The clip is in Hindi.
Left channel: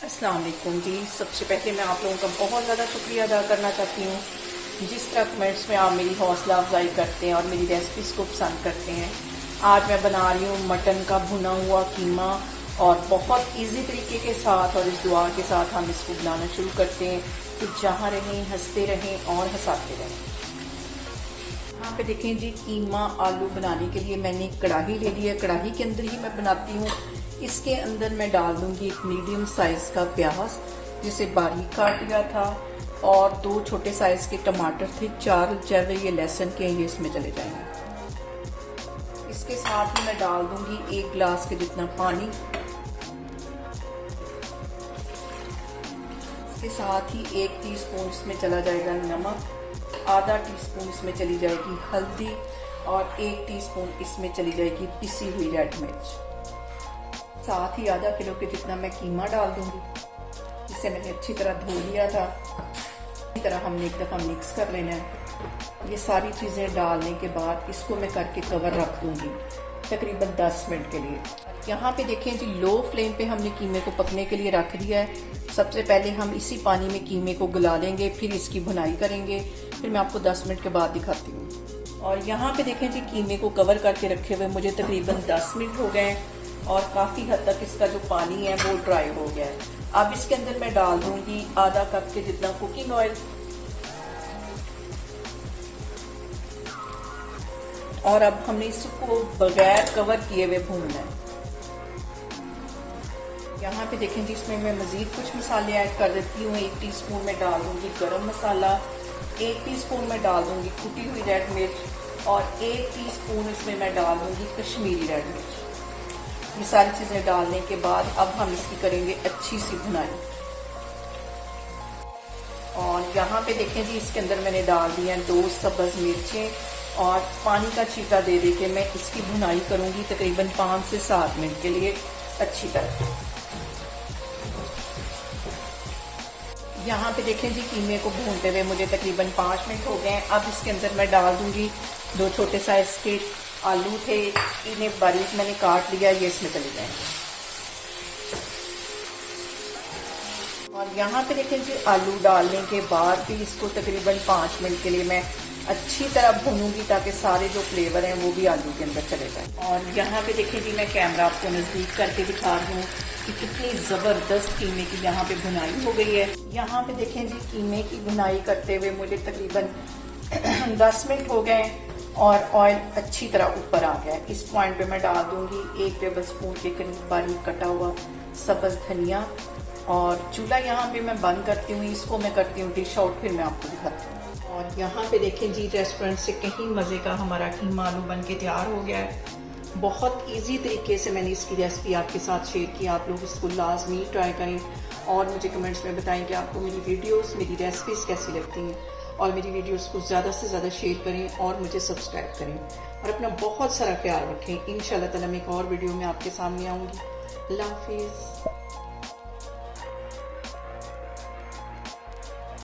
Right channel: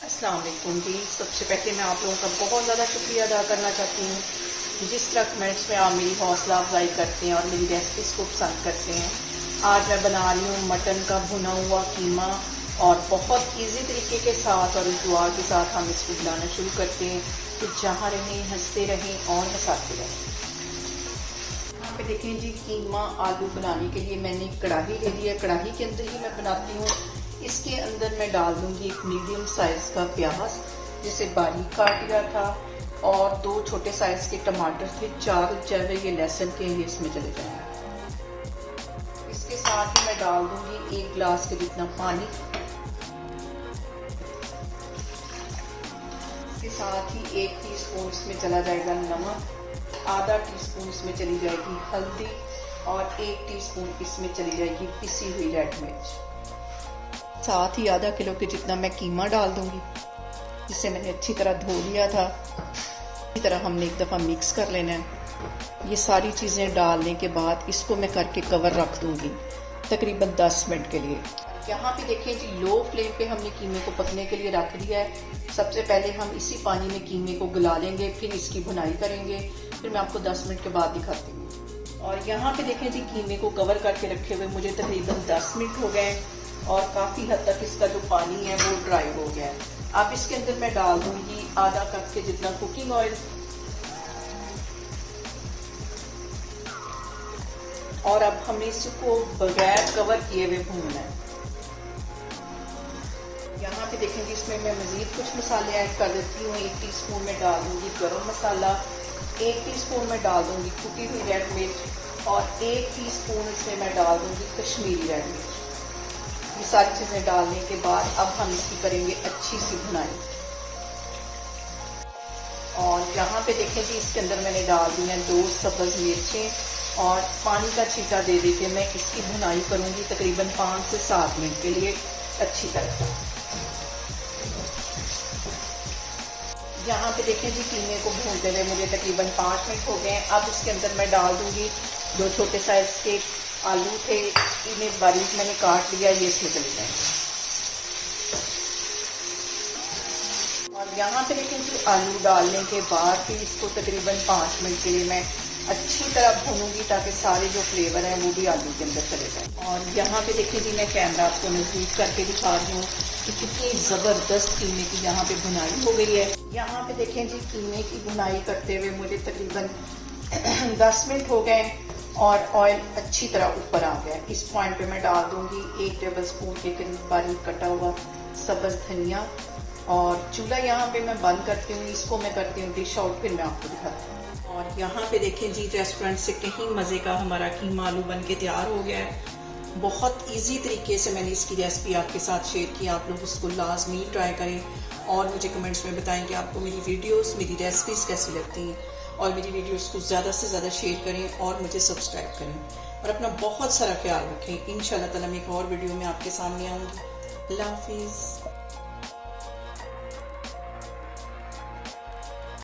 अस्सलाम वालेकुम जी। सबसे पहले मैं आप लोगों का बहुत ज़्यादा शुक्रिया अदा करना चाहती हूँ जिस तरह कमेंट्स में आप मेरी हौसला अफजाई करते हैं और मेरी रेसिपीज़ को पसंद करते हैं। आज मैं बना रही हूँ मटन का भुना हुआ कीमा और बहुत इजी तरीके के साथ और इस दुआ के साथ हम इसको बनाना शुरू करते हैं कि जहाँ रहें हंसते रहें और हंसाते रहें। यहाँ पे देखें जी, कीमा आलू बनाने के लिए मैंने कढ़ाई ले ली है। कढ़ाई के अंदर ही मैं बनाती हूँ। इसके अंदर मैं डाल दूंगी एक मीडियम साइज का प्याज जिसे बारीक काट लिया था और 2 छोटे साइज के टमाटर थे, 4 जवे ये लहसुन के ये इसमें चले जाएंगे। इसके साथ ही मैं डाल दूंगी 1 गिलास के जितना पानी। इसके साथ ही 1 टीस्पून इसमें चला जाएगा नमक, आधा टीस्पून इसमें चली जाएगी हल्दी और 1 टीस्पून इसमें चली जाएगी पिसी हुई रेड मिर्च। साथ ही आधा किलो के जितना मैं कीमा डाल दूंगी जिसे मैंने अच्छी तरह धो लिया था। इसी तरह हमने एक दफ़ा मिक्स कर लेना है। ये सारी चीज़ें डालने के बाद इसको मैं करके कवर रख दूंगी तकरीबन 10 मिनट के लिए। यहाँ पे देखें जी, लो फ्लेम पे हमने कीमे को पकने के लिए रख दिया है। सबसे पहले हम इसी पानी में कीमे को गला लेंगे, फिर इसकी भुनाई करेंगे, फिर मैं आपको 10 मिनट के बाद दिखाती हूँ। और यहाँ पे देखें जी, कीमे को कवर करके रखे हुए मुझे तकरीबन 10 मिनट हो गए और काफ़ी हद तक इसका जो पानी है वो ड्राई हो गया है। अब इसके अंदर मैं डाल दूंगी आधा कप के जितना कुकिंग ऑयल और अब हमने इसको बगैर कवर किए हुए भूनना है। यहाँ पे देखें जी, इसमें मैं मजीद कुछ मसाले ऐड कर देती हूँ। 1 टीस्पून में डाल दूंगी गरम मसाला, 1 टीस्पून में डाल दूंगी कुटी हुई रेड मिर्च और 1 टीस्पून इसमें मैं डाल दूंगी कश्मीरी रेड मिर्च। ये सारी चीजें डालने के बाद अब हम इसकी करेंगे अच्छी सी भुनाई। और यहाँ पे देखें जी, इसके अंदर मैंने डाल दिया 2 सब्ज मिर्चें और पानी का छींटा दे के मैं इसकी भुनाई करूंगी तकरीबन 5 से 7 मिनट के लिए अच्छी तरह। यहाँ पे देखें जी, कीमे को भूनते हुए मुझे तकरीबन 5 मिनट हो गए। अब इसके अंदर मैं डाल दूंगी 2 छोटे साइज के आलू थे, इन्हें बारीक मैंने काट लिया, ये इसमें चले जाएंगे। और यहाँ पे देखें जी, आलू डालने के बाद भी इसको तकरीबन 5 मिनट के लिए मैं अच्छी तरह भूनूंगी ताकि सारे जो फ्लेवर हैं वो भी आलू के अंदर चले जाए। और यहाँ पे देखें जी, मैं कैमरा आपको नजदीक करके दिखा रही हूँ कि कितनी ज़बरदस्त कीमे की यहाँ पे भुनाई हो गई है। यहाँ पे देखें जी, कीमे की भुनाई करते हुए मुझे तकरीबन 10 मिनट हो गए और ऑयल अच्छी तरह ऊपर आ गया। इस पॉइंट पे मैं डाल दूंगी 1 टेबल स्पून के करीब बारीक कटा हुआ सब्ज धनिया और चूल्हा यहाँ पे मैं बंद करती हूँ। इसको मैं करती हूँ डिश आउट, फिर मैं आपको दिखाती हूँ। और यहाँ पे देखें जी, रेस्टोरेंट से कहीं मज़े का हमारा कीमा आलू बन के तैयार हो गया है। बहुत इजी तरीके से मैंने इसकी रेसिपी आपके साथ शेयर की। आप लोग इसको लाजमी ट्राई करें और मुझे कमेंट्स में बताएं कि आपको मेरी वीडियोस, मेरी रेसिपीज़ कैसी लगती हैं। और मेरी वीडियोस को ज़्यादा से ज़्यादा शेयर करें और मुझे सब्सक्राइब करें और अपना बहुत सारा ख्याल रखें। इंशाल्लाह ताला मैं एक और वीडियो में आपके सामने आऊँगी। अल्लाह हाफिज़।